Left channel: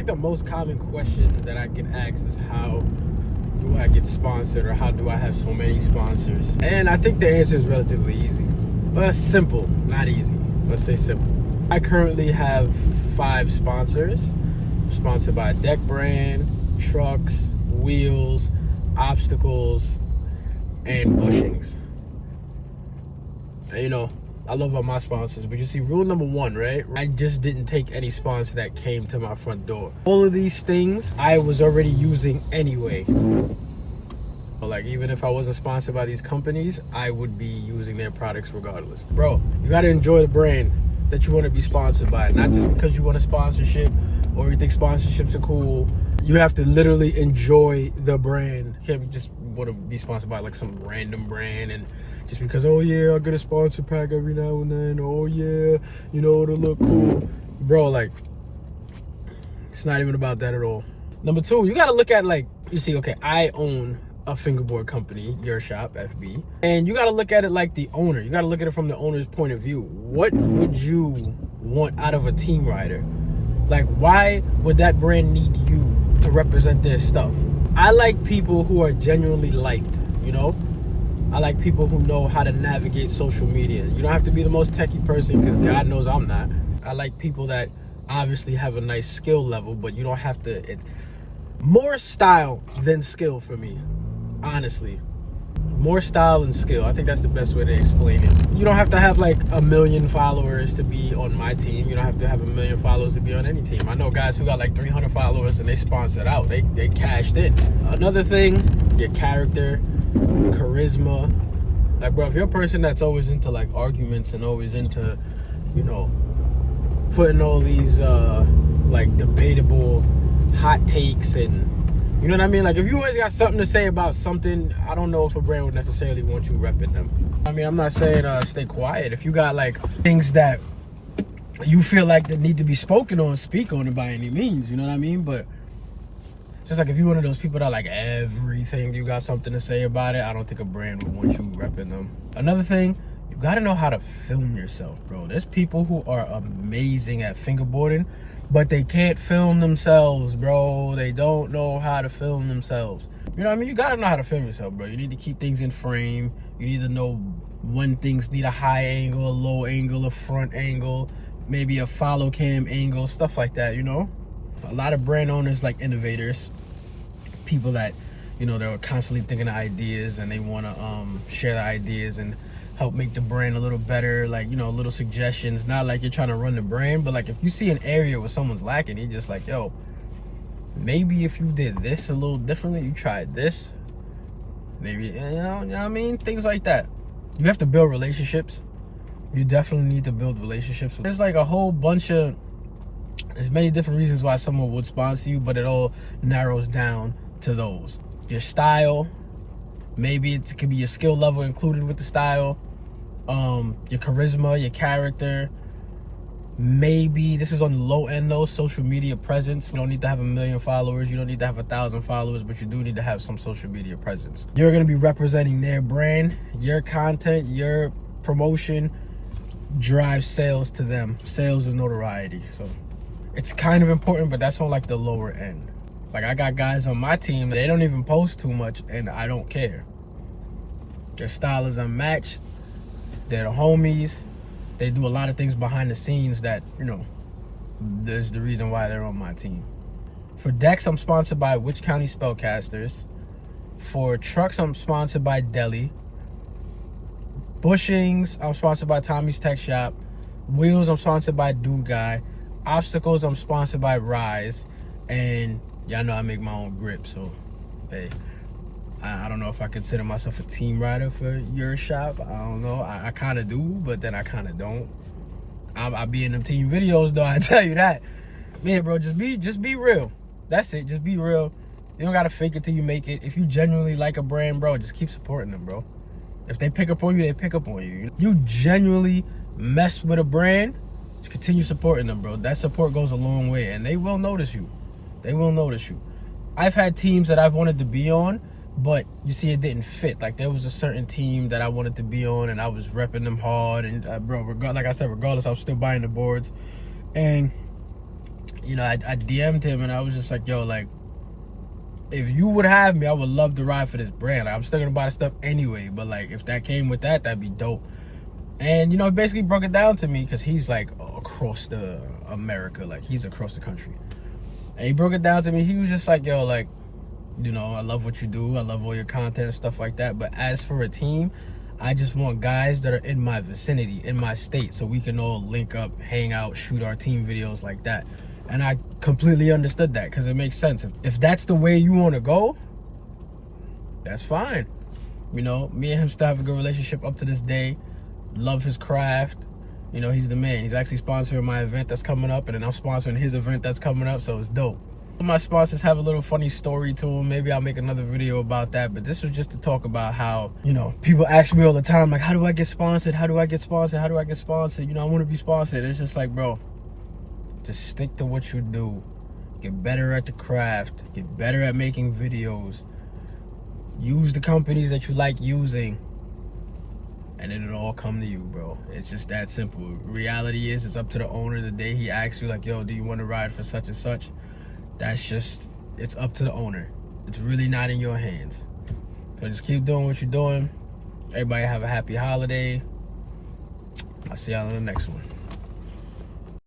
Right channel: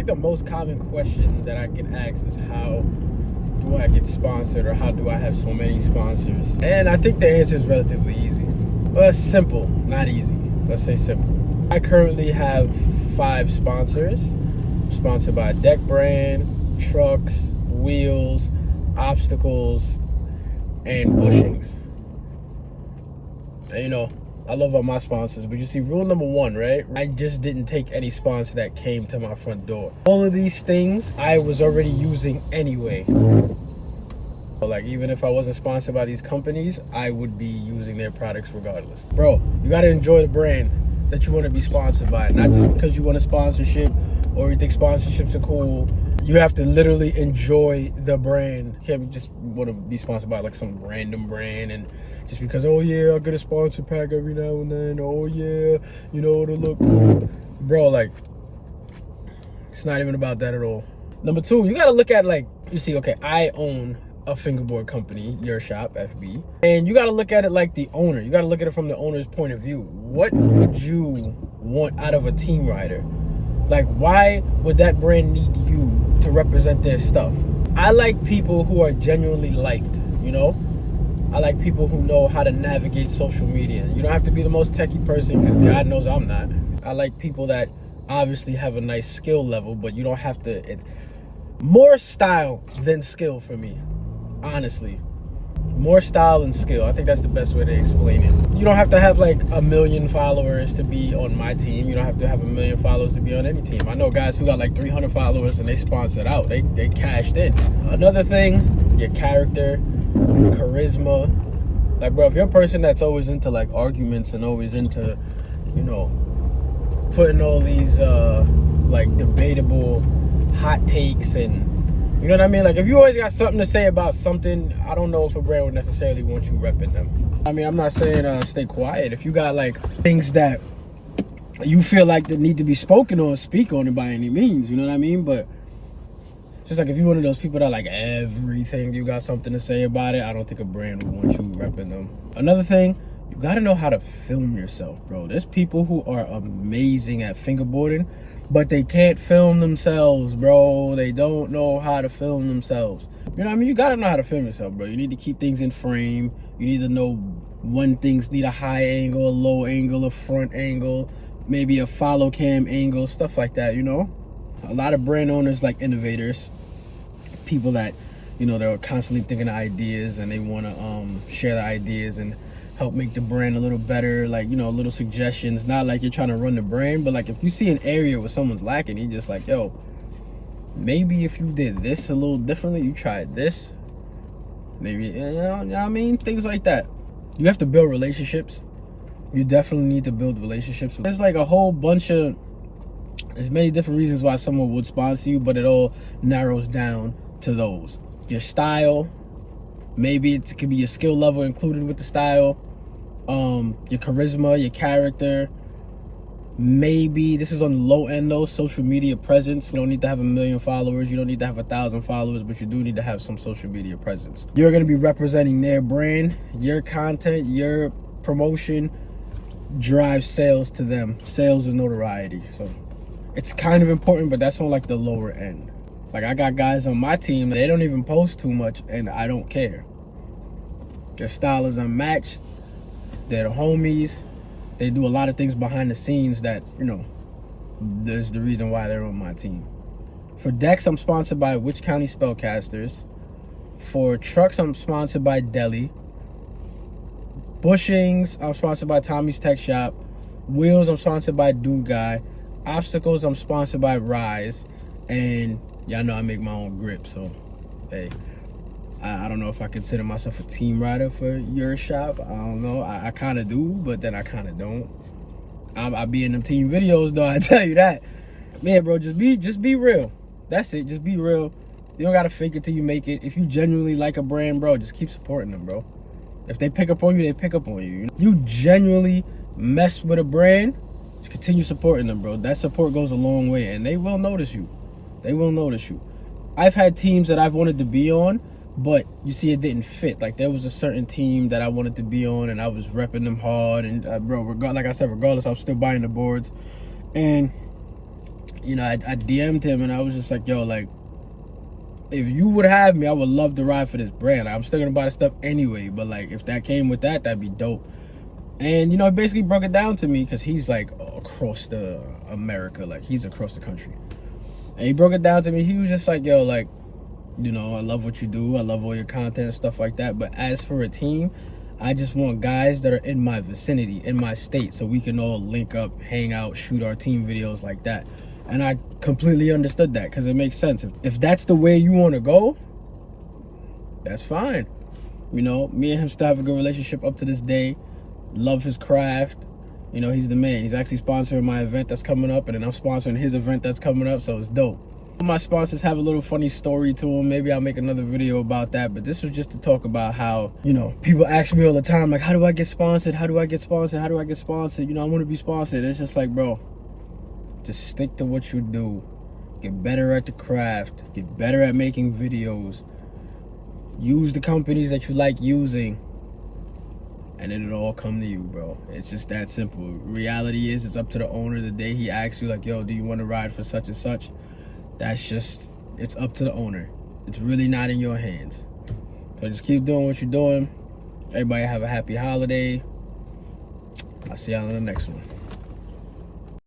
think the most common question that I get asked is how do I get sponsored, or how do I have so many sponsors? And I think the answer is relatively easy. Well, simple, not easy. Let's say simple. I currently have 5 sponsors. I'm sponsored by Deck Brand, trucks, wheels, obstacles, and bushings. And, you know, I love all my sponsors, but you see, rule number 1, right? I just didn't take any sponsor that came to my front door. All of these things I was already using anyway. Like, even if I wasn't sponsored by these companies, I would be using their products regardless. Bro, you gotta enjoy the brand that you want to be sponsored by, not just because you want a sponsorship or you think sponsorships are cool. You have to literally enjoy the brand. You can't just want to be sponsored by like some random brand, and just because, oh yeah, I'll get a sponsor pack every now and then, oh yeah, you know, it'll look cool. Bro, like, it's not even about that at all. Number 2, you gotta look at, like, you see, okay, I own a fingerboard company, YerrrShop.Fb, and you got to look at it like the owner. You got to look at it from the owner's point of view. What would you want out of a team rider? Like, why would that brand need you to represent their stuff? I like people who are genuinely liked, you know? I like people who know how to navigate social media. You don't have to be the most techie person, because God knows I'm not. I like people that obviously have a nice skill level, but you don't have to. It's more style than skill for me. Honestly, more style and skill. I think that's the best way to explain it. You don't have to have like 1 million followers to be on my team. You don't have to have 1 million followers to be on any team. I know guys who got like 300 followers and they sponsored out. They cashed in. Another thing, your character, charisma. Like, bro, if you're a person that's always into like arguments and always into, you know, putting all these like debatable hot takes, and you know what I mean? Like, if you always got something to say about something, I don't know if a brand would necessarily want you repping them. I mean, I'm not saying stay quiet. If you got like things that you feel like that need to be spoken on, speak on it by any means, you know what I mean? But just like if you're one of those people that like everything, you got something to say about it, I don't think a brand would want you repping them. Another thing, you gotta know how to film yourself, bro. There's people who are amazing at fingerboarding, but they can't film themselves, bro. They don't know how to film themselves. You know what I mean? You gotta know how to film yourself, bro. You need to keep things in frame. You need to know when things need a high angle, a low angle, a front angle, maybe a follow cam angle, stuff like that, you know? A lot of brand owners, like innovators, people that, you know, they're constantly thinking of ideas and they want to share the ideas and help make the brand a little better, like, you know, little suggestions. Not like you're trying to run the brand, but like if you see an area where someone's lacking, you're just like, yo, maybe if you did this a little differently, you tried this, maybe, you know what I mean? Things like that. You have to build relationships. You definitely need to build relationships. There's like a whole bunch of, there's many different reasons why someone would sponsor you, but it all narrows down to those. Your style, maybe it could be your skill level included with the style. Your charisma, your character. Maybe this is on the low end though, social media presence. You don't need to have 1 million followers. You don't need to have 1,000 followers, but you do need to have some social media presence. You're gonna be representing their brand. Your content, your promotion drives sales to them. Sales and notoriety. So it's kind of important, but that's on like the lower end. Like, I got guys on my team, they don't even post too much, and I don't care. Their style is unmatched. They're the homies. They do a lot of things behind the scenes that, you know, there's the reason why they're on my team. For decks, I'm sponsored by Which County Spellcasters. For trucks, I'm sponsored by Deli. Bushings, I'm sponsored by Tommy's Tech Shop. Wheels, I'm sponsored by Dude Guy. Obstacles, I'm sponsored by Rise. And y'all know I make my own grip, so hey, I don't know if I consider myself a team rider for your shop. I don't know. I kind of do, but then I kind of don't. I be in them team videos though, I tell you that. Man, bro, just be real. That's it. Just be real. You don't gotta fake it till you make it. If you genuinely like a brand, bro, just keep supporting them, bro. If they pick up on you, they pick up on you. You genuinely mess with a brand, just continue supporting them, bro. That support goes a long way, and they will notice you. They will notice you. I've had teams that I've wanted to be on, but you see it didn't fit. Like, there was a certain team that I wanted to be on, and I was repping them hard. And bro, like I said, regardless, I was still buying the boards. And you know, I DM'd him and I was just like, yo, like, if you would have me, I would love to ride for this brand. Like, I'm still gonna buy the stuff anyway, but like, if that came with that, that'd be dope. And, you know, he basically broke it down to me because he's like across the America, like he's across the country. And he broke it down to me. He was just like, yo, like, you know, I love what you do. I love all your content and stuff like that. But as for a team, I just want guys that are in my vicinity, in my state, so we can all link up, hang out, shoot our team videos like that. And I completely understood that because it makes sense. If that's the way you want to go, that's fine. You know, me and him still have a good relationship up to this day. Love his craft. You know, he's the man. He's actually sponsoring my event that's coming up, and then I'm sponsoring his event that's coming up, so it's dope. My sponsors have a little funny story to them. Maybe I'll make another video about that, but this was just to talk about how, you know, people ask me all the time, like, how do I get sponsored? How do I get sponsored? How do I get sponsored? You know, I want to be sponsored. It's just like, bro, just stick to what you do. Get better at the craft. Get better at making videos. Use the companies that you like using, and it'll all come to you, bro. It's just that simple. Reality is, it's up to the owner. The day he asks you, like, yo, do you want to ride for such and such? That's just, it's up to the owner. It's really not in your hands. So just keep doing what you're doing. Everybody have a happy holiday. I'll see y'all in the next one.